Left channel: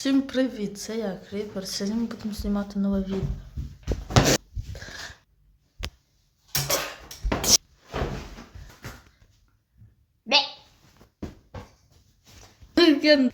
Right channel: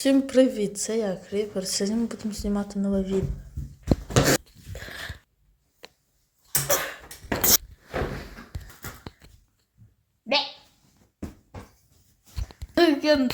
Всім привіт! Це я, Кріпер. Сьогодні ми будемо знімати нове відео. Я-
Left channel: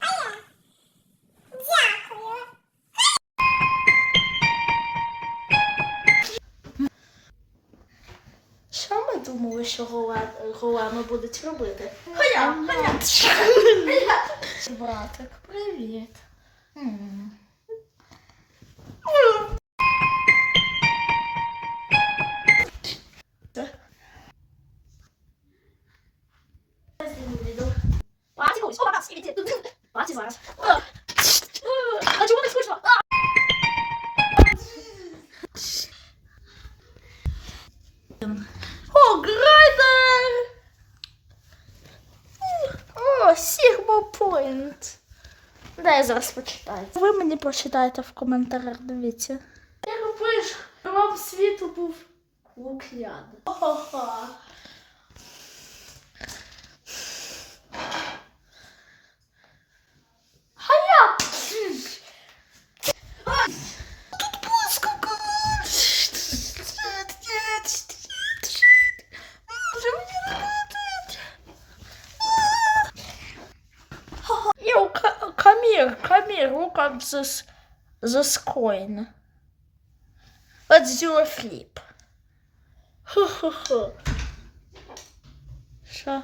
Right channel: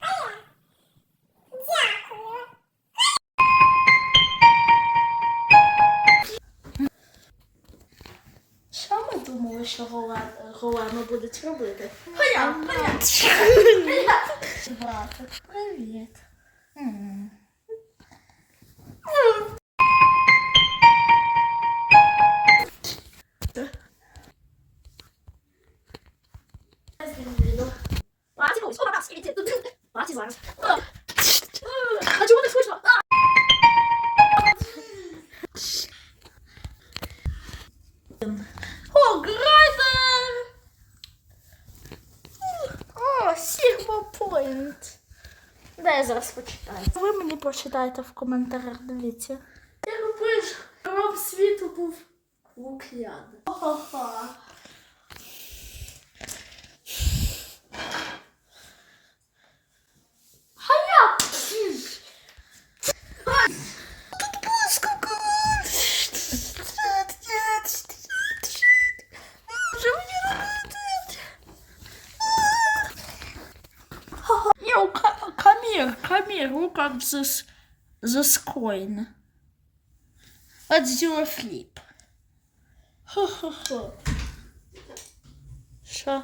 ми думали, що голе- големи будуть робити? Хоя, хоя, хоя. Братик, привіт. М. Паті, ось, опа, скільки ти- Паті зараз. Sigma Point. Дай я зараз почитаю. Ви мені прочитаєте в коментарях, дивіться. Ти пиш, вам світу був лук'ян. Ха-ха. камір, камір, look at this, this coin. Let's do a flip. Хо-хо-хо. Що?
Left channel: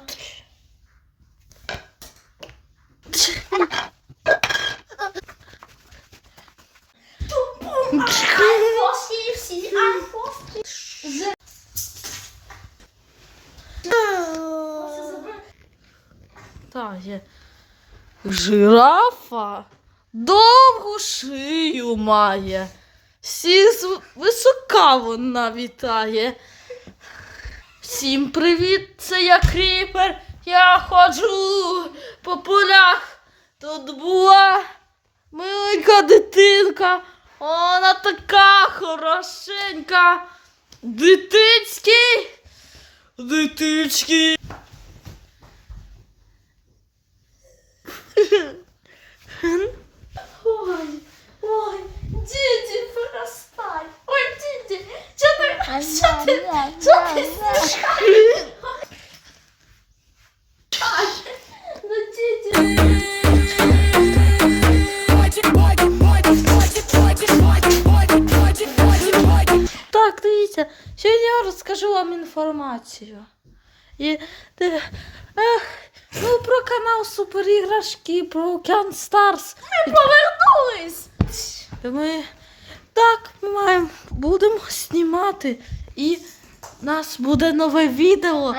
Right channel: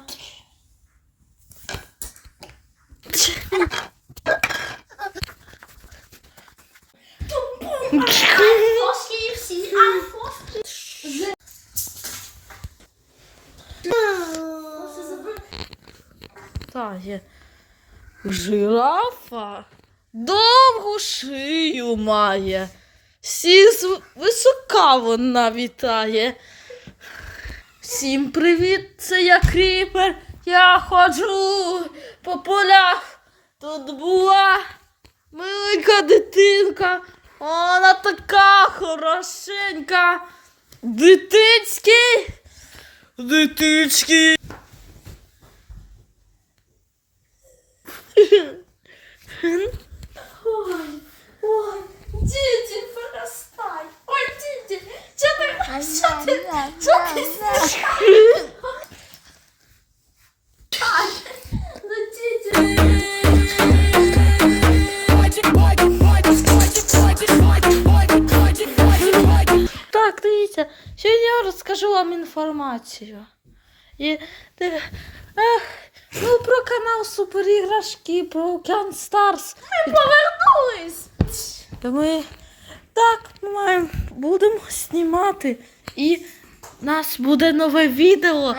Фоски всі, а фоски. Так, є. Жирафа довгу шию має. Всі з висока вона вітає. Всім привіт, це я кріпер. Я ходжу по полях. Тут була маленька дитинка. Вона така хорошенька. Дитинський. Дитинський. що ти, що ти знущаєш? Ай, Ну, діді. Так, дивіться, сьогодні я розкажу вам інформацію. І, ти, ех, ну, про канал Суперіграшки, про Океан Старс. Ми повернулись! Ми так, ми маємо, будемо знімати. І у нас буде нове відео.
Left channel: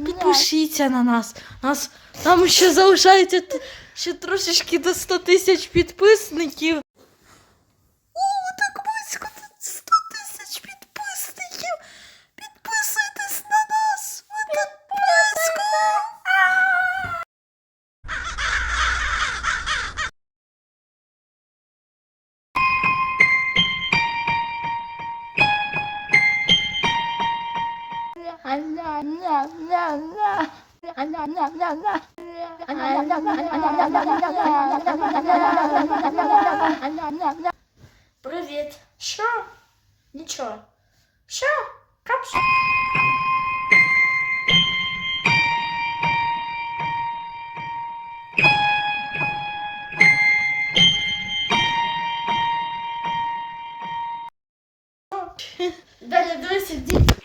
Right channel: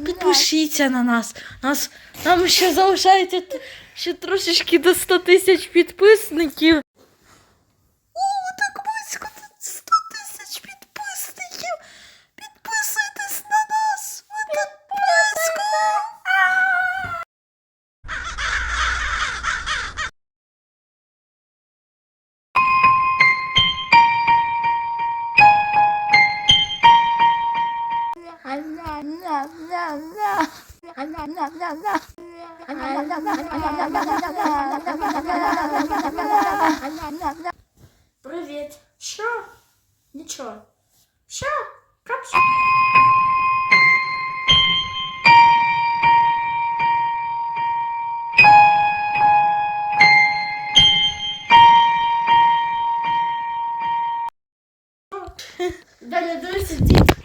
І підпишіться на нас. нас нам ще залишається т- ще трошечки до 100 тисяч підписників. Привіт. Що? Нічого. Що? Капсу. Далі, давай сидіть.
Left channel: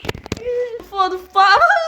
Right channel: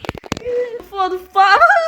mano. Para!